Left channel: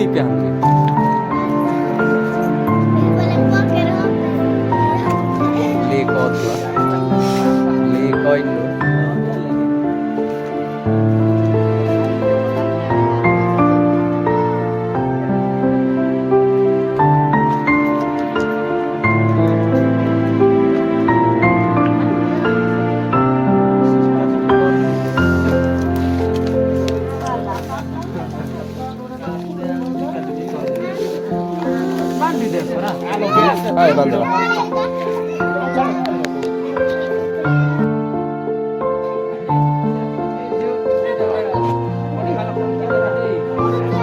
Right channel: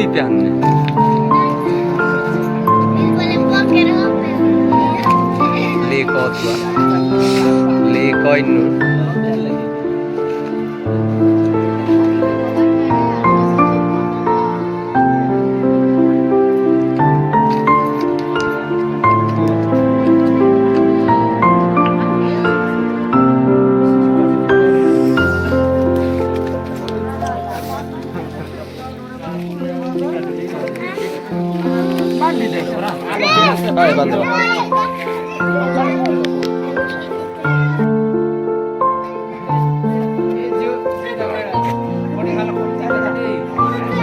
di pianne. Le kotua. Le koinu. Hai bandala.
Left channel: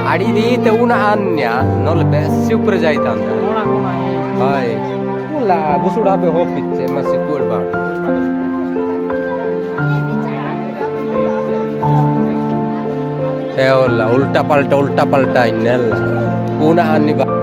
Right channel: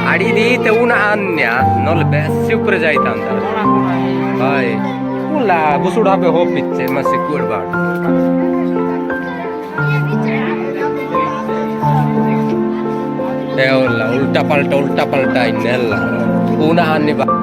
Adi di te una annia non le bessi upre jaitanda. Hai. Ulla busuda be hopitte ma sicur ba. E olla ulta palta innella. Una anni ba.